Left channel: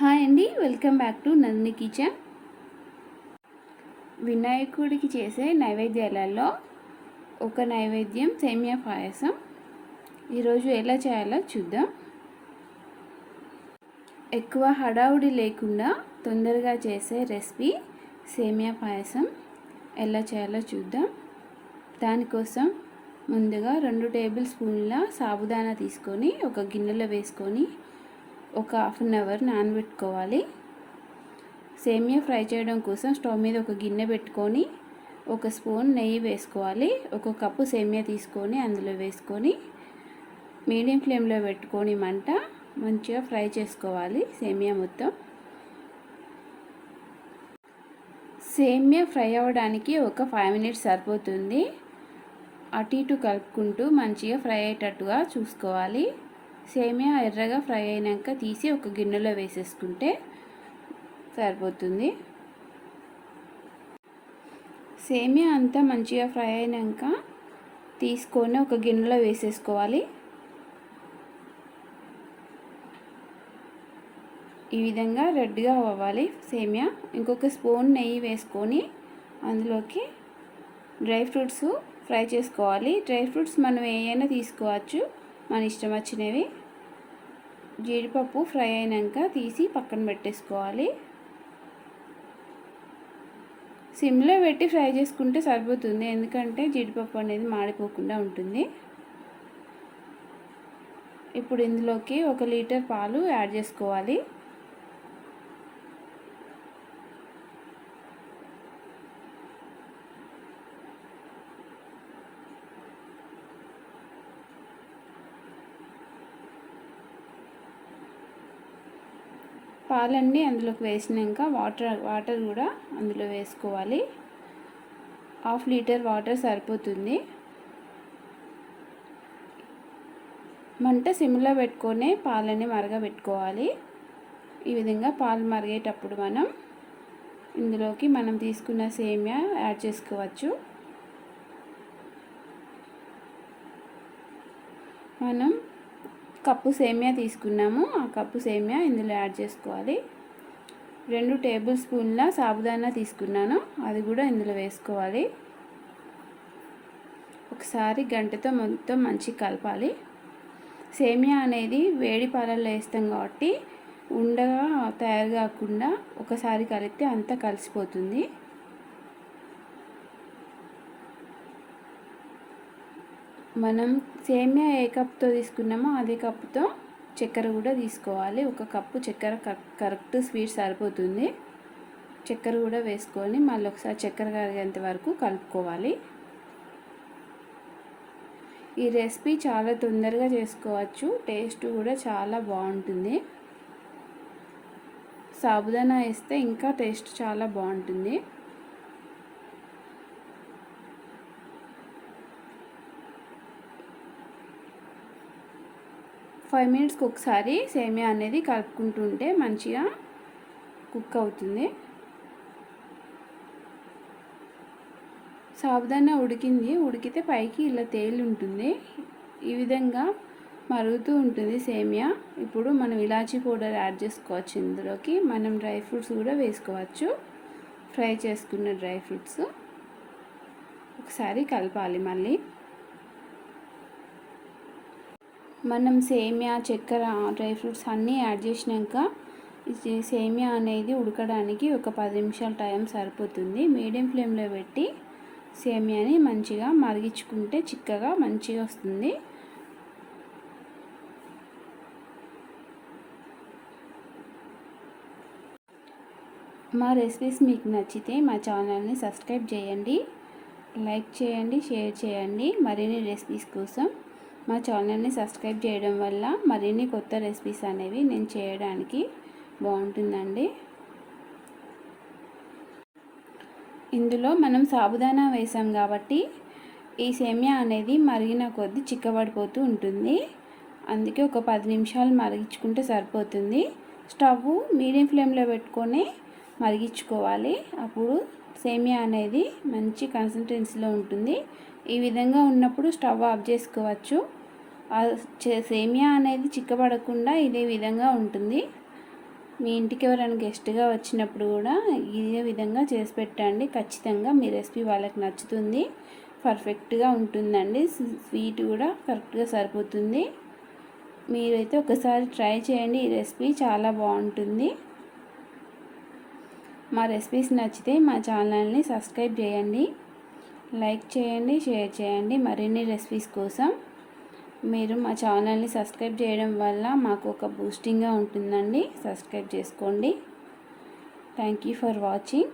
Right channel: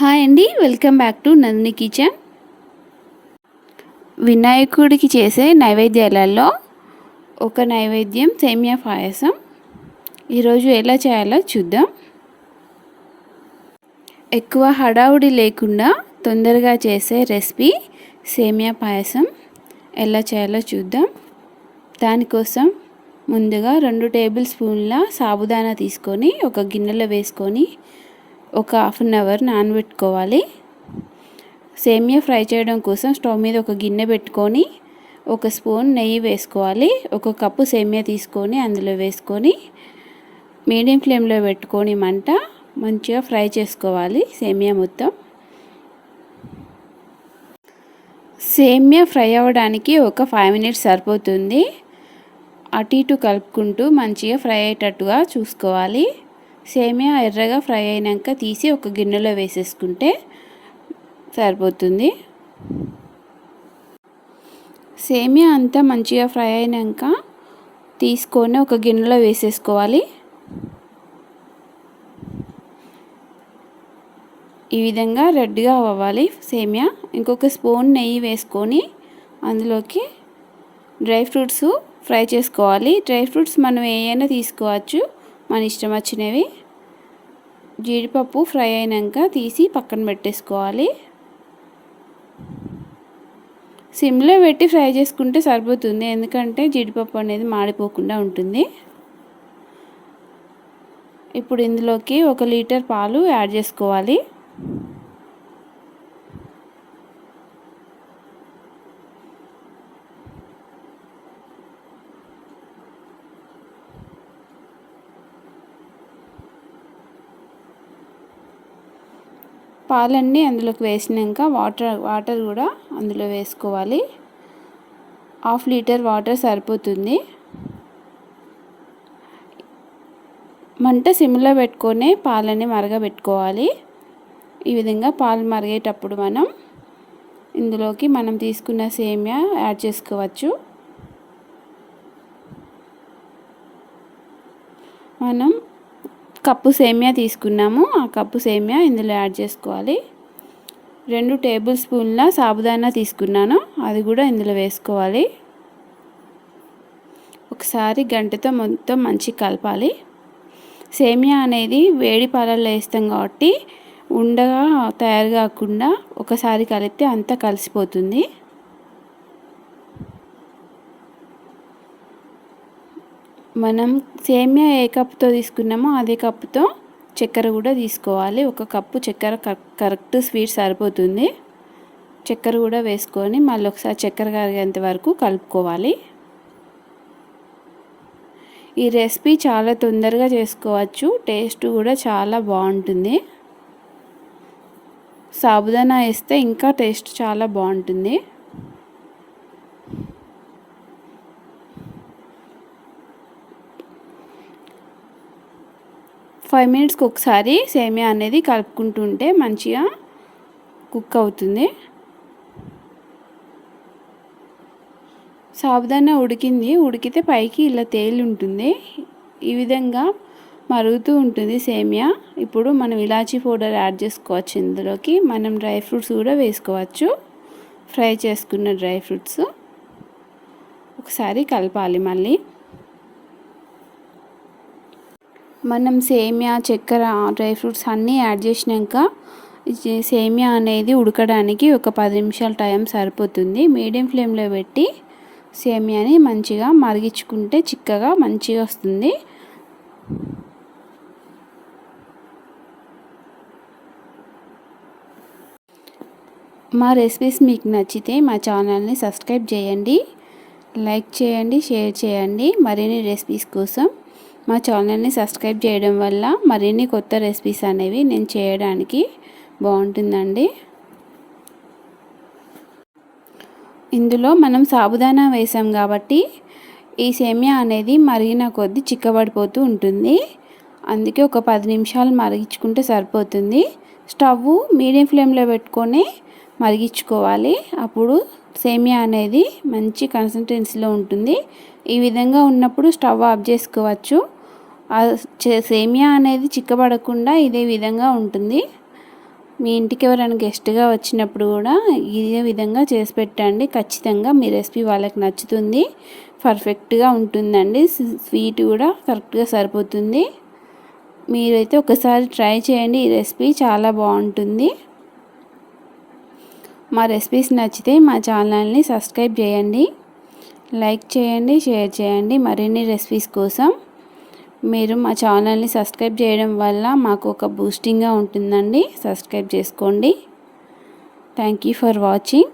Hi అండి welcome back to Nandini kitchen. వినాయకుడికి చేసే నైవేద్యాలలో ఒక నైవేద్యం సేమియా పాయసం. ఈరోజు ఎలా చేయాలో చూద్దాం. ఎక్కువ హడావుడి లేకుండా తొందరగా చేసే రెసిపీ సేమియా పాయసం. ఎలా చేయాలో చూద్దాం. దానికోసం ముందుగా రెండు టేబుల్ స్పూన్ల సాబుదానా తీసుకొని ఒక గిన్నెలో వేసుకొని ఒక హాఫ్ అన్ అవర్ నానబెట్టుకోవాలి. సేమియా ఫ్రై చేయడం కోసం స్టవ్ మీద ఒక గిన్నె పెట్టుకొని ఒక స్పూన్ నెయ్యి వేసుకోవాలి. ఒక కప్పు సేమియా తీసుకొని అందులో వేసుకొని మీడియం ఫ్లేమ్లో పెట్టుకొని మంట మంచిగా ఫ్రై చేసుకోవాలి సేమియా మొత్తం. సేమియా ఫ్రై అవ్వడానికి ఒక ఫైవ్ మినిట్స్ సరిపోతుంది. అటు ఇటు కలుపుకుంటూ మంచిగా ఫ్రై అయ్యేటట్టుగా చూసుకోవాలి. సేమియా ఎర్రగా ఫ్రై అయినాక తీసి ఒక గిన్నెలో వేసేసుకుంటే సరిపోతుంది. సేమియా అంతా మంచిగా ఫ్రై అయినాక తీసుకొని ఒక గిన్నెలో వేసేసుకోవాలి. ఈ విధంగా రెడ్గా అవ్వాలి సేమియా. ఇంకొక స్పూన్ నెయ్యి వేసుకొని అందులోకి డ్రై ఫ్రూట్స్ ఫ్రై చేసుకోవాలి. డ్రై ఫ్రూట్స్ మనం ఏమైనా తీసుకోవచ్చు. మన ఇష్టం వచ్చినవి. జీడిపప్పు ఫ్రై అయినాక తీసి పక్కన పెట్టేసుకోవాలి. సిమ్లో పెట్టి ఫ్రై చేసుకుంటే సరిపోతుంది ఎందుకంటే జీడిపప్పు అనేది మాడిపోకుండా ఉంటుంది. ఇప్పుడు ఇందులోకి ఒక లీటర్ పాలు యాడ్ చేసుకోవాలి. పాలన్నీ అందులోకి వేసినాక వాటర్ వాటర్ కూడా అందులో వేసుకోవాలి. హాఫ్ లీటర్ వాటర్ సరిపోతుంది. మంట సిమ్లో పెట్టుకొని పాలని మరగబెట్టుకోవాలి. ఈ విధంగా పాలు మరిగేటప్పుడు మనం ఇందులోకి మనం తీసుకున్న సేమియా యాడ్ చేసుకోవచ్చు. మనం కప్పు సేమియా తీసుకున్నాము. ఆ కప్పు సేమియా ఇందులో యాడ్ చేసుకోవాలి. రెండు టేబుల్ స్పూన్ల సాబుదానా తీసుకున్నాను. అది కూడా ఇందులో వేసుకోవాలి. ఒకసారి గంటతో మొత్తం మంచి కలపాలి. సేమియా అనేది వేడి పాలల్లో వేస్తాం కాబట్టి ఉండగా తయారు కాకుండా ఒకసారి కలిపితే అంతా కలిసిపోతుంది. మనం సేమియా ఏ కప్పుతో తీసుకున్నామో అదే కప్పుతో చక్కెర కూడా తీసుకోవాలి. ఒక కప్పు చక్కెర కరెక్ట్ స్వీట్ సరిపోతుంది. చక్కెర కూడా వేసుకొని మళ్ళీ ఒకసారి చక్కెర కరిగేంత వరకు కలుపుకోవాలి. ఈ రెసిపీ చాలా తొందరగా చేసుకోవచ్చు. టేస్ట్ కూడా చాలా బాగుంటుంది. సాబుదానా వేస్తే ఇంకా టేస్ట్ చాలా బాగుంటుంది. ఫైవ్ మినిట్స్కి ఒకసారి సేమియా అనేది కలుపుకుంటుంటే మంచిగా కుక్ అవుతుంది. సాబుదానా ఉడికింది. ఉడికితే పైకి ఇలా తేలి ఉంటుంది. ఈ విధంగా మరుగుతూ ఉంటుంది సేమియా. ఇప్పుడు మనం ఇలాచీ పౌడర్ యాడ్ చేసుకోవచ్చు. ఇందులోకి మనం డ్రై ఫ్రూట్స్ కూడా వేసుకోవచ్చు. ఫ్రై చేసుకున్న డ్రై ఫ్రూట్స్. ఒకసారి కలపాలి మళ్ళీ. మనం సేమియా చక్కెర డ్రై ఫ్రూట్స్ అన్నీ యాడ్ చేసినాక సేమియా అనేది ఉడకడానికి ఒక పది నిమిషాల టైం సరిపోతుంది. మీడియం ఫ్లేమ్లో పెట్టి సేమియాని మంచిగా మరిగించుకుంటే చిక్కగా మంచిగా వస్తుంది. మా రెసిపీస్ మీకు నచ్చితే మా ఛానల్ని సబ్స్క్రైబ్ చేయండి. లైక్ చేయండి షేర్ చేయండి. మరిన్ని రెసిపీస్ కోసం మా ఛానల్ని సబ్స్క్రైబ్ చేయడం వల్ల మరిన్ని కొత్త రెసిపీస్ అనేవి నేను చేయడానికి బాగుంటుందండి. ఇందులో మనం సాబుదానా వేసాం కాబట్టి ఈ సేమియా అనేది మరిగిన కొద్దీ చిక్కబడిపోతూ ఉంటుంది. అందుకే ఒక పది నిమిషాలు మరిగించుకుంటే సరిపోతుంది. స్టవ్ మీడియం ఫ్లేమ్లో పెట్టుకొని మరిగించుకోవాలి. అప్పుడు సేమియా అనేది మంచి కన్సిస్టెన్సీలో ఉంటుంది. ఈ విధంగా ఉన్నప్పుడు స్టవ్ ఆఫ్ చేసుకోవచ్చు. సేమియా అనేది చిక్కబడకుండా ఇదే విధంగా ఉంటుంది. మీ ఇంటికి ఎవరైనా గెస్ట్గా వచ్చినప్పుడు కూడా ఇదే విధంగా చేసి పెట్టండి. ఖచ్చితంగా మీ రెసిపీ వాళ్ళకి నచ్చుతుంది. పర్ఫెక్ట్గా ఉంటుందండి. స్వీట్ కూడా కరెక్ట్గా సరిపోతుంది. మీరైతే ఒకసారి ట్రై చేయండి. ఈ రెసిపీ చాలా బాగుంటుంది. మా రెసిపీస్ నచ్చితే మా ఛానల్ని సబ్స్క్రైబ్ చేయండి. లైక్ చేయండి షేర్ చేయండి. మరిన్ని రెసిపీస్ కోసం మీరు మా ఛానల్ని సబ్స్క్రైబ్ చేయడం వల్ల మాకు ఒక బూస్టింగ్గా ఉంటుందండి. సబ్స్క్రైబ్ చేసుకోండి. Thank you for watching